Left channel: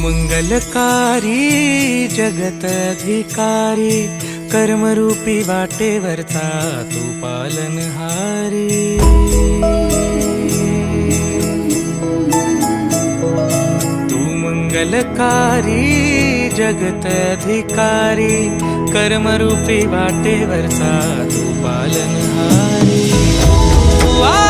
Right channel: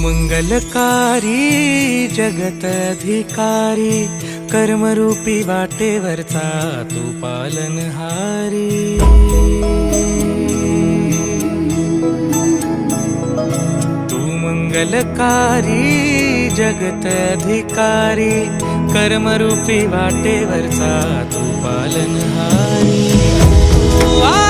मंगलकारी जगत अधिकारी, कर्मरूपी वाटेवरचा तू पालनहारी। तू मंगलकारी जगत अधिकारी, कर्मरूपी वाटेवरचा तू पालनहारी। तू